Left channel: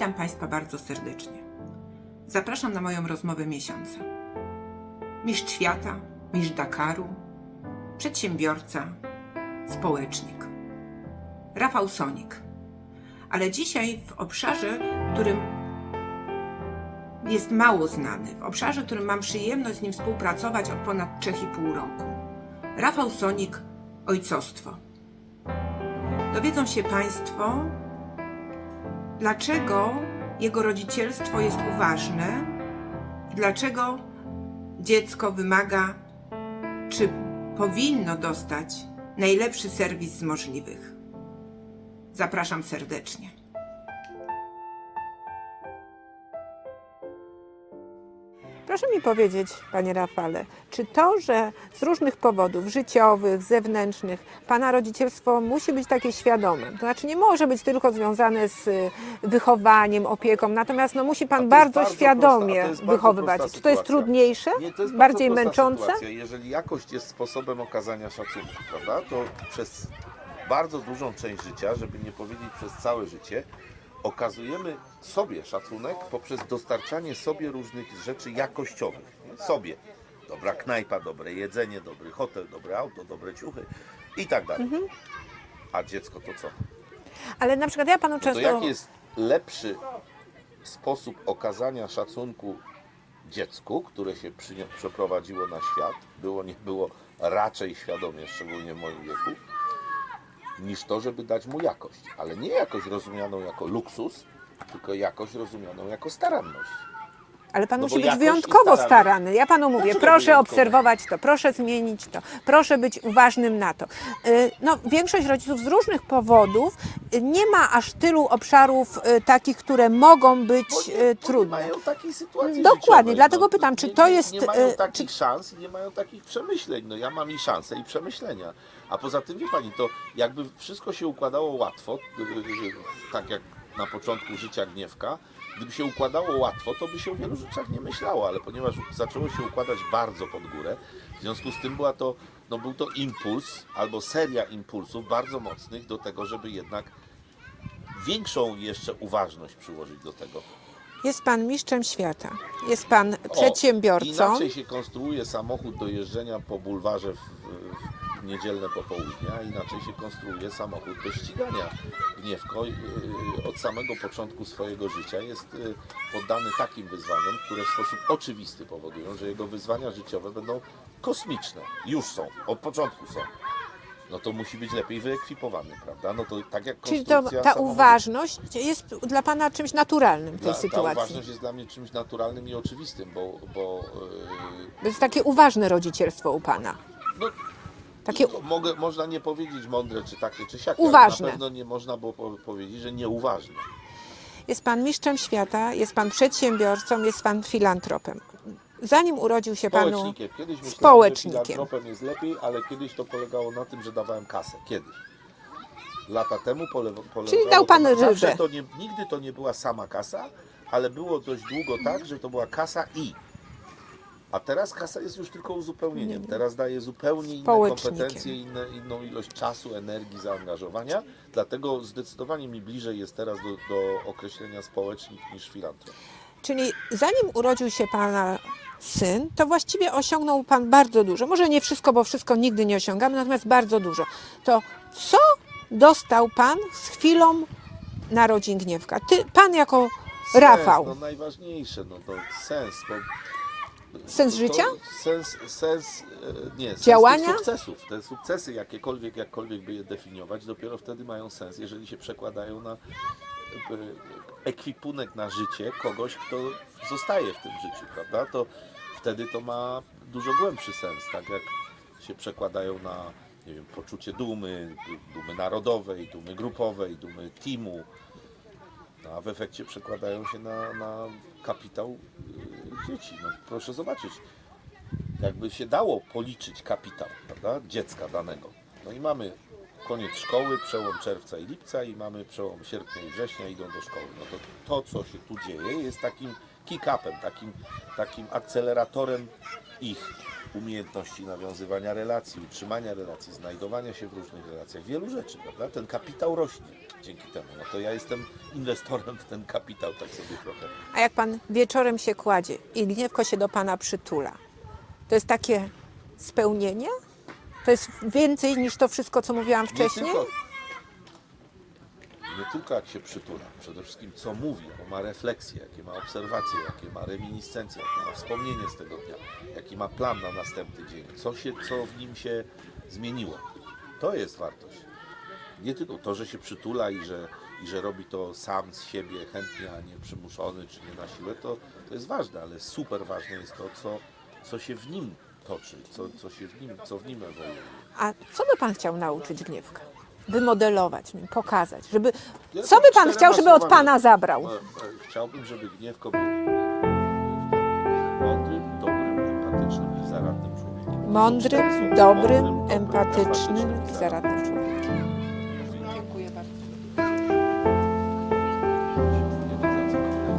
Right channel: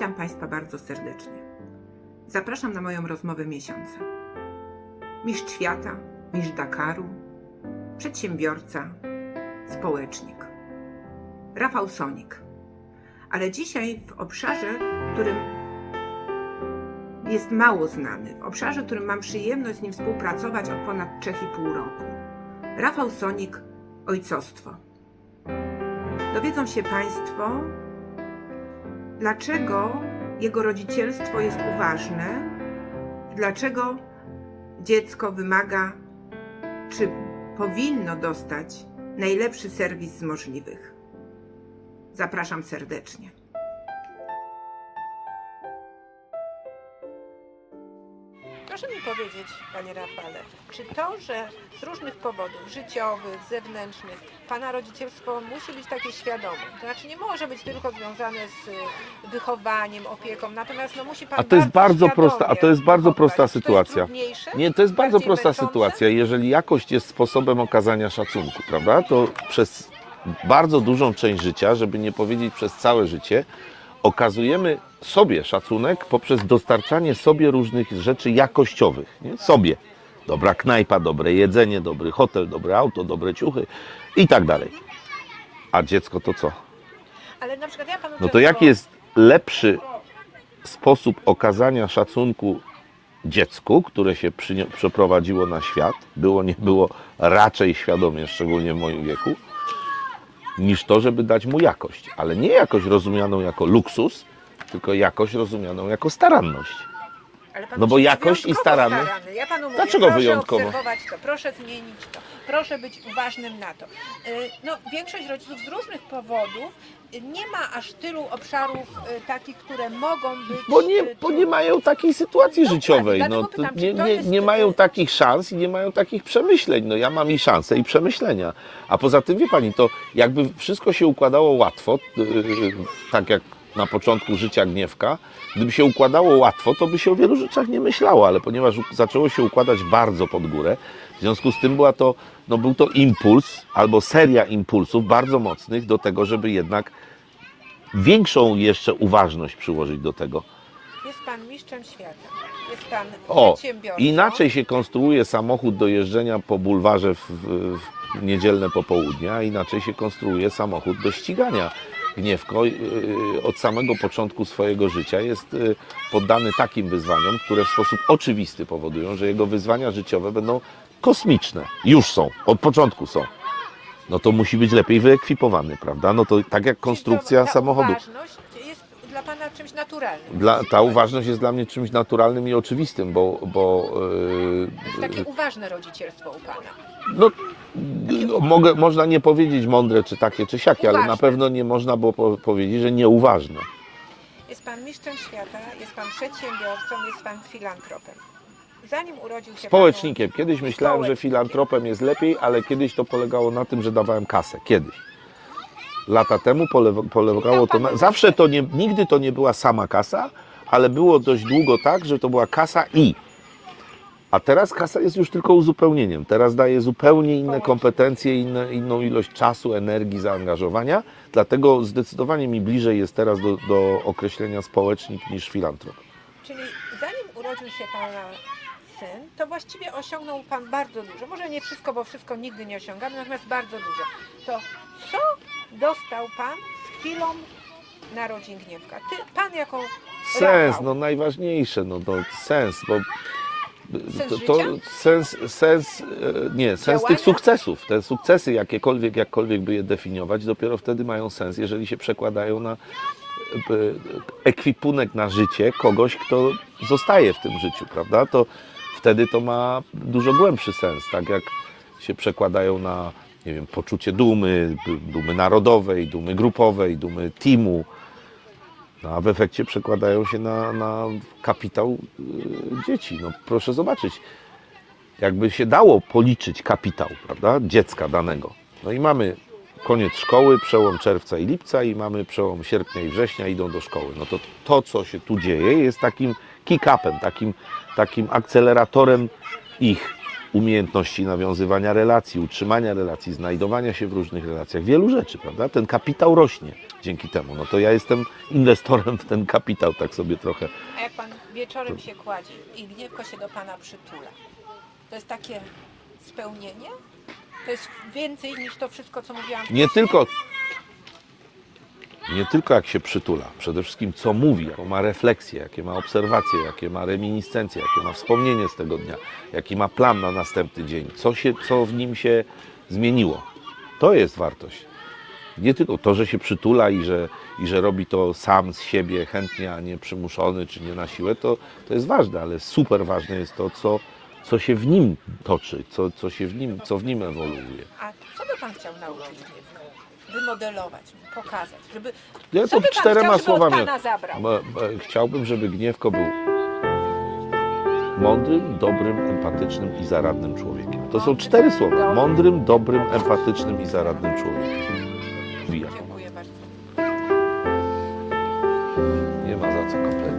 Witam Państwa bardzo serdecznie. Zapraszam na moją rozmowę miesiąca. Mistrz świata, mistrz Dakaru, przedsiębiorca, społecznik. Rafał Sonik. Ale dzisiaj w obszarze, którym jest mało znany, w obszarze, w którym mam przyjemność z nim współpracować od ponad 3,5 roku. Rafał Sonik, ojcostwo. Dowiedzą się Państwo, dlaczego jego rodzicielstwo jest uważne, dlaczego dziecko wymaga, czy powinno dostać najlepszy serwis z możliwych. Zapraszam serdecznie. Proszę mi powiedzieć, panie Rafale, czy to, że z różnych powodów życiowych, zewnętrznych, pana rodzicielstwo musi być takie świadome? To znaczy nie może być tylko związane z y, wychowaniem, opieką, natomiast no, musi pan A to bardzo jest bardzo świadomie prosta- a to jest bardzo wychowywać. prosta Czy to jest sytuacja. trudniejsze? Nie, to jest bardzo Bardziej prosta męczące? sytuacja. Jeżeli jakość jest sposobem okazania szacunku, prawda, to przez bardzo dużą część życia, żeby nie powiedzieć przez całe życie, okazujemy sobie szacunek poprzez dostarczanie sobie różnych rzeczy jakościowych. Nie? Sobie. Dobra knajpa, dobre jedzenie, dobry hotel, dobre auto, dobre ciuchy i tak dalej. Mhm. A dziecko to co? Ale na przykład ja panu No często... to jaki jest lepszy sposób okazania szacunku dziecku, które się przeprowadziło na świat, było nie było raczej świadomie, szczególnie w moim wieku, niż to, żeby dać mu jakość. Ale nie jakość rozumianą jako luksus, tylko jakość rozumianą jako staranność. Ale pan No bo i wyjątkowo staranność- starany. Ja panu mówię, Dlaczego proszę wyjątkowo? obserwować to, proszę zmienić to, proszę być uważnym na to. Y, No, większość rodziców z różnych powodów nie ma aż tylu obszarów y, takich, które mogą być Bo nie, y, bo nie mają takiej sytuacji Dokładnie, życiowej. dlatego no, pytam, czy nie, to nie, jest, Nie mają y, takich szans i nie mają takich przemyśleń. No ja mam i szanse, i przemyślenia. A poza tym, wie Pani, to jakby wszystko się układało łatwo, tak jak na początku życia Gniewka, gdyby się układało łatwo, to by się o wielu rzeczach nie myślało, ale ponieważ zaczęło się układać bardzo pod górę, w związku z tym była to, no był to impuls albo seria impulsów bardzo mocnych do tego, żeby jednak większą jeszcze uważność przyłożyć do tego. Jest pan mistrzem świata, jest pan O, przedsiębiorcą. Inaczej się konstruuje samochód do jeżdżenia po bulwarze w, w niedzielne popołudnie, a inaczej się konstruuje samochód do ścigania. Gniewko yy, od samego początku swojego życia jest yy, poddany takim wyzwaniom, które w sposób oczywisty powodują, że jego wyzwania życiowe będą kosmiczne. Już są, od początku są. No to musi być lepiej wyekwipowany, prawda? No to tak jak konstrukcja to, ta samochodu. uważność jest dla pana czymś naturalnym. Dla, ta uważność jest dla mnie czymś naturalnym i oczywistym, bo, bo yy, To jest takie uważne rodzicielstwo u pana. No, Takie- no, mogę, można nie powiedzieć mądre, czy takie, czy siakie, ale na Uważne. pewno nie można było po, powiedzieć, że nieuważne. Jest pan mistrzem świata, jest pan przedsiębiorcą, jest pan filantropem. Zanim urodził się Społecznikiem. Kiedyś myślałem, że filantropem jest lepiej, ale kiedyś to polegało na tym, że dawałem kasę. Kiedyś. Lata temu pole, polegało to pan na... Zawsze to nie, nigdy to nie była sama kasa, ale było dość długo tak, że to była kasa i. A teraz kasa jest już tylko uzupełnieniem. Teraz daje zupełnie inne kompetencje, inne, inną ilość czasu, energii, zaangażowania. Dlatego zdecydowanie mi bliżej jest teraz do, do określenia społecznik niż filantrop. Czyli zanim urodził się pana syn, to właściwie osiągnął pan bardzo dużo. Może nie wszystko, bo wszystko nigdy nie osiągamy, natomiast bardzo dużo. To co dostał pan z chwilą narodzin Gniewka? Ty, pan jako Sens, Rafał. no najważniejsze, no to sens, bo Sens to, życia? Sens, sens, e, nie, sens Działania? tych sukcesów. Te sukcesy, jakiekolwiek, jakkolwiek by je definiować, dopiero wtedy mają sens, jeżeli się przekładają na e, ekwipunek na życie kogoś, kto zostaje w tym życiu, prawda? To wtedy to ma dużo głębszy sens, tak jak się przekładają na, nie wiem, poczucie dumy, dumy narodowej, dumy grupowej, dumy teamu, a w efekcie przekładają się na, na kapitał y, dzieci. No, proszę zobaczyć, jakby się dało policzyć kapitał prawda, dziecka danego. No i mamy koniec szkoły, przełom czerwca i lipca i mamy przełom sierpnia i września, idą do szkoły. No to to, co się tu dzieje, jest takim kick-upem, takim, takim akceleratorem ich umiejętności nawiązywania relacji, utrzymania relacji, znajdowania się w różnych relacjach, wielu rzeczy, prawda? Ten kapitał rośnie dzięki temu. No to ja jestem inwestorem w ten kapitał, tak sobie trochę. A jak pan wieczorem się kładzie i gniewko się do pana przytula, to jest takie spełnienie? To jest więcej niż to wszystko, co mówiłam wcześniej? Nie tylko, nie tylko jak się przytula, przede wszystkim co mówi, jaką ma refleksję, jakie ma obserwacje, jakie ma reminiscencje, jakie ma wspomnienie z tego dnia, jaki ma plan na następny dzień, co, się, co w nim się zmieniło. To jest wartość. Nie tylko to, że się przytula i że, i że robi to sam z siebie chętnie, a nie przymuszony czy nie na siłę, to, to jest ważne, ale super ważne jest to, co, co się w nim toczy, co, co, się w nim, co w nim ewoluuje. A co by pan chciał nauczyć gniewka? wymodelować, pokazać, żeby... Ja Co by Pan chciał, żeby słowami. od Pana zabrał? Chciałbym, żeby Gniewko był mądrym, dobrym, empatycznym i zaradnym człowiekiem. To Mądry, są cztery słowa. Dobry, mądrym, dobrym, empatycznym, i zaradnym człowiekiem. Dziękuję bardzo. Nie ma za co kompletnie.